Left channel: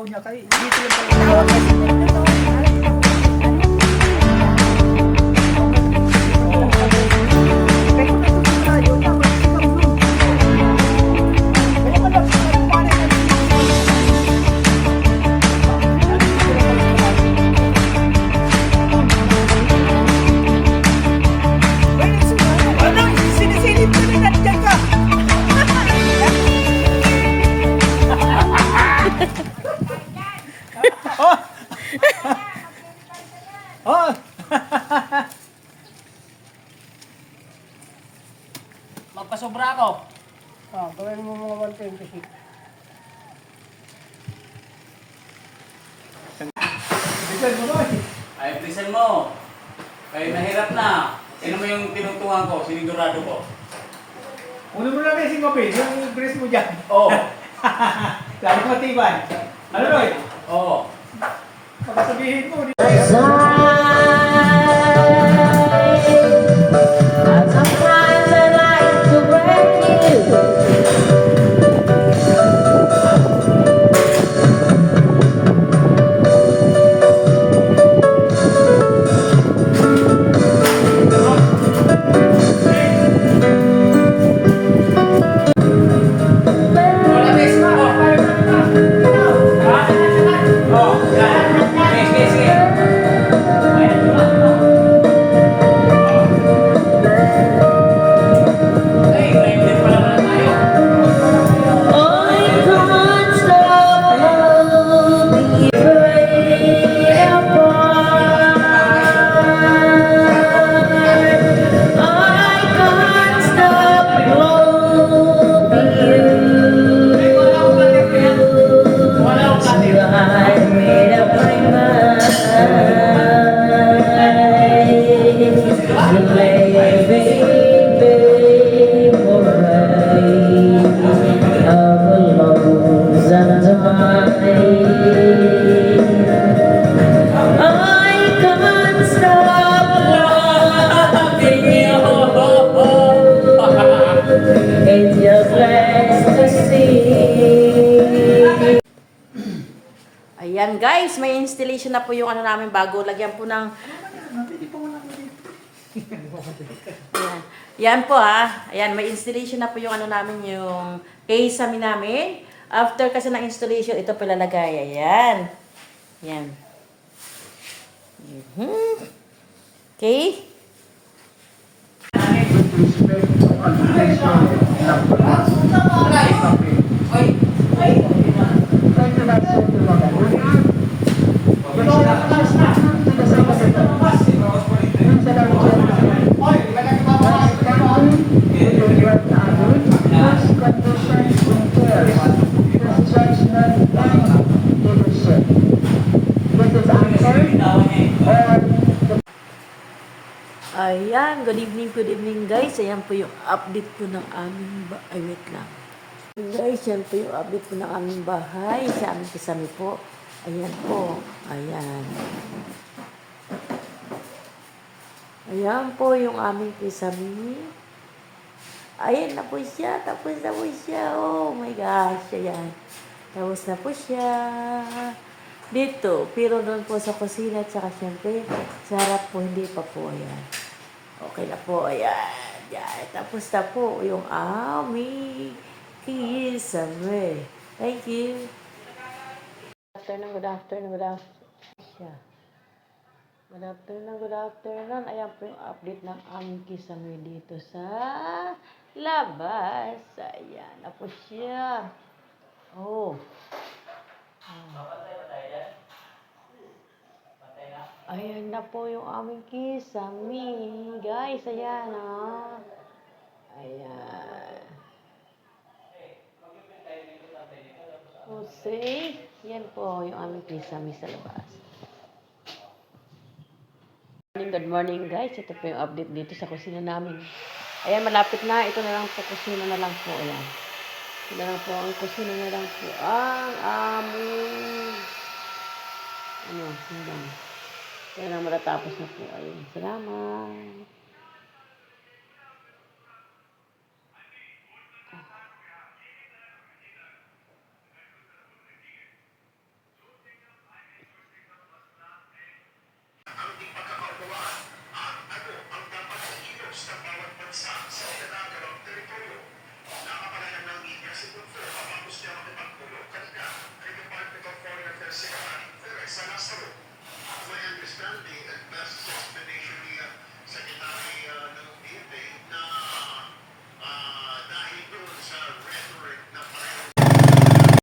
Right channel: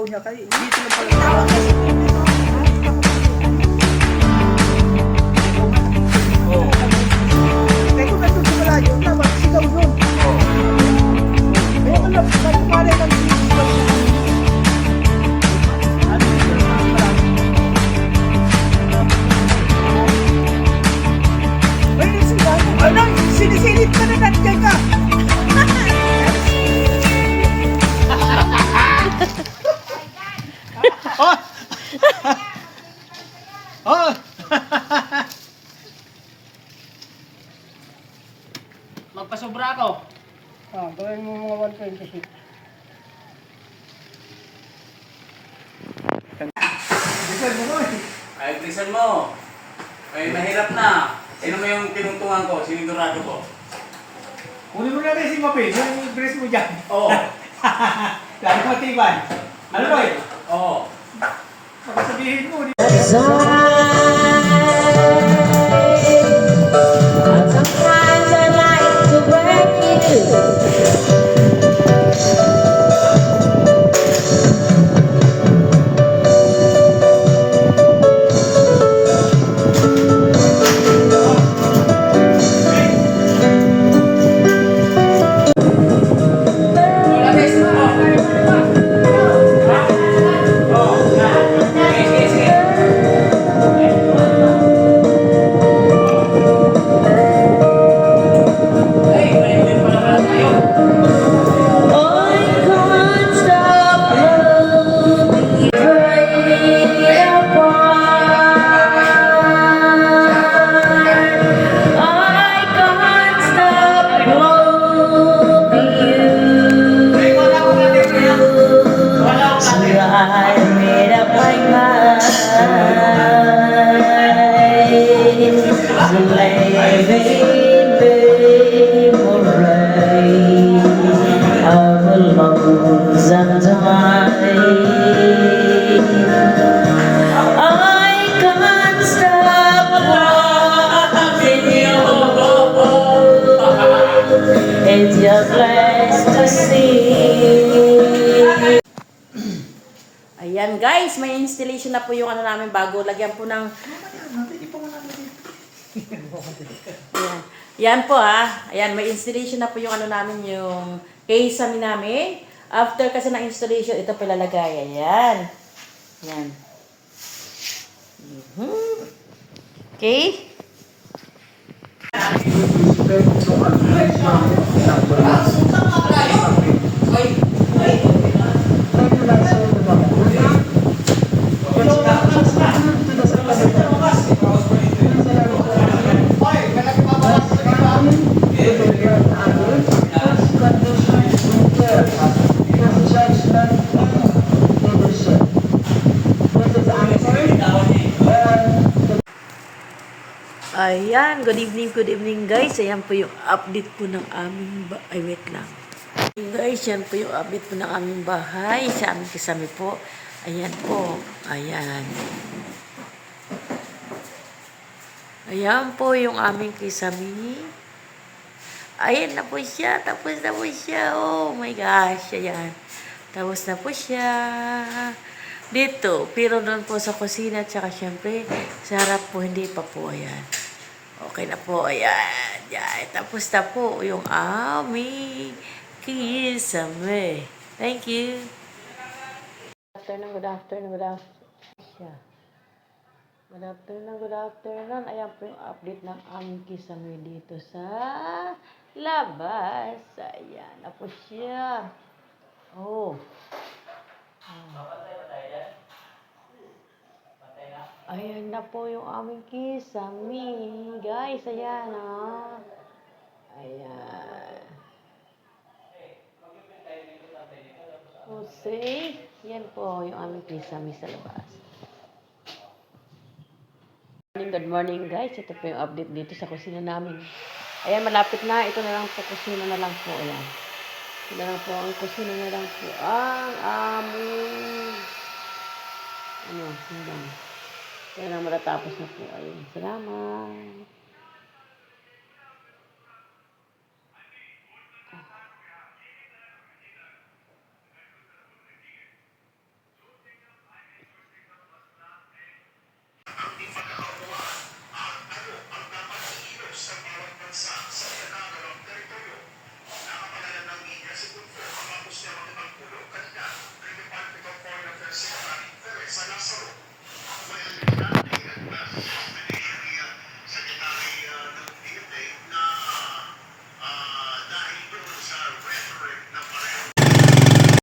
sigaw niya kay dito lang pala. Oh! Oh! Magpasobra ako. Gawin mo mga 126. Bisan mo noy. Ay, plisan mo. Ay, mahirap na. Sino mo yung tinungtungan ko? Sinigurado ko. Una mo na rin si Mapin, yung brace mo dyan. Oo. Lalo matiban. Ano noy? Oo. Pagkasabihin mo. Sometimes I like to break you. Wala, bes mo. Ha? Oo. Yan. Sige, sige. Ay, friendly pala pala tayo. I can't stop loving you I can't stop loving you. I made up my mind to lay baby moray of a lonesome time. I can't stop loving you. It's just nice to see. Ayan guys, may installation na po yung ano namin bago. Lagyan po ng... Ayan. Yan po ha. Ayan, may installation na po yung ano namin, yung case namin. After kasi ng installation, ito po lalagay. Ayan. Ayan. Okay. Ayan, good evening guys. Ayan po yung update po ng aming ay wait lang. Guys, yan po yung update po ng aming bahay. Sa aming kasami po. Ayan po. Ayan. Ayan po yung aming kisami. Ayan na po siya. Tapos na po siya. Oh my gosh. Ayan. Tapos na po siya. Dito. Pero doon po sa kusina. Tsaka syempre, sa harap po hindi pa po. Ayan. Okay na po. Ayan. Ayan. Tapos na po yung aming kisame. Thank you. Good afternoon. Good afternoon. Ayan po yung update ng aming kisame dito sa labas. Ayan na po siya. Oh. Ayan na po yung aming kisame. Guys, ayan ah. Ayan. Jose. Yan po yung aming kisame sa labas. Good morning guys. Ito po yung update dito sa kusina namin. Ayan, malapit na. Ito na lang po. Kusina na lang po. Ayan. Ito na lang po. Ang kusina na lang po. Ang aming ano lang. Kaya na matatapos na po. Ayun. Salamat.